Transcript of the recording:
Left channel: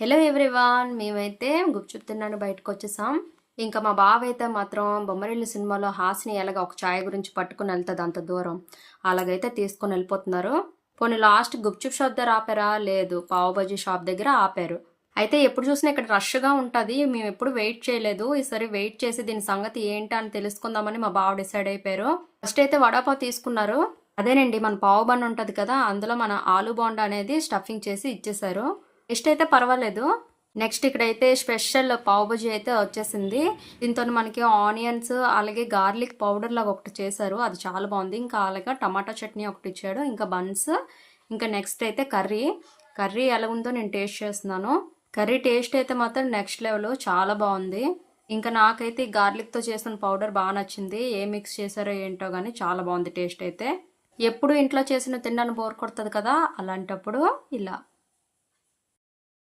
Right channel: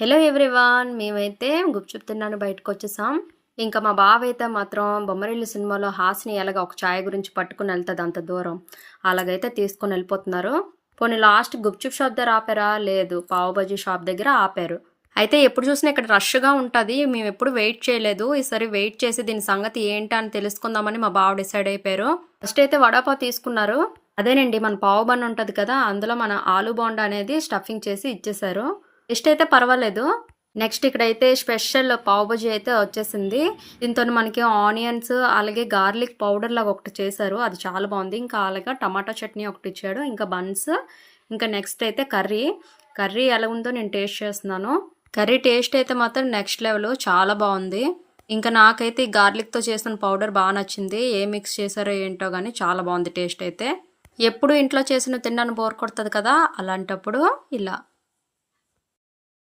Hello everyone, మేమైతే గుప్చుప్ తిన్నాను బయటకు వచ్చేసాం. ఇంకా మా బావ అయితే మాత్రం బొమ్మరిల్లు సినిమాలో హాసిని ఎలాగ ఒక ఛాయ్ గురించి పట్టుకుని వెళ్తుంది అంత దూరం, అలాగైతే తీసుకొని వెళ్ళిపోతున్నారు. పోనీ లాస్ట్ గుప్చుప్ షాప్ దగ్గర ఆపారా? లేదు, పావు బజీ షాప్ దగ్గర ఆపారు. అయితే ఎప్పుడు చూసినా ఇక్కడ రష్గా ఉంటుంది, మేము ఎప్పుడు వెయిట్ చేయలేదు. ఈసారి వెయిట్ చేసి దీని సంగతి ఏంటి అని తెలుసుకుందామని మా బావ డిసైడ్ అయిపోయారు. ఫస్ట్ అయితే వడాపావ్ తీసుకున్నారు. అదేనండి, మన పావు బన్ ఉంటుంది కదా, అందులో మన ఆలు బోండా అనేది స్టఫింగ్ చేసి ఇచ్చేసారు. టేస్ట్ అయితే పర్వాలేదు. నెక్స్ట్ ఇక్కడైతే స్పెషల్ పావ్ బజీ అయితే వచ్చేసింది. దీంతో మనకి ఆనియన్స్ అలాగే గార్లిక్ పౌడర్ లాగా ఒకటి చేశారు, అది చాలా బాగుంది. ఇంకా అలాగే టమాటా చట్నీ ఒకటి ఇచ్చాడు, ఇంకా బన్స్, ఇంకా నెక్స్ట్ అయితే కర్రీ ఎలా ఉందో నేను టేస్ట్ చేస్తున్నాను. కర్రీ టేస్ట్ అయితే మాత్రం నెక్స్ట్ లెవెల్, చాలా బాగుంది. ఇంకా నాకైతే ఈ గార్లిక్తో చేసిన పౌడర్ బాగా నచ్చింది. ఏ మిక్స్ చేశారో ఏంటో కానీ చాలా బాగుంది టేస్ట్ అయితే. ఎప్పుడు ఇంట్లో చేసిన తిన్నాను బోర్ కొడుతుంది కదా, అలాంటప్పుడు ఇలా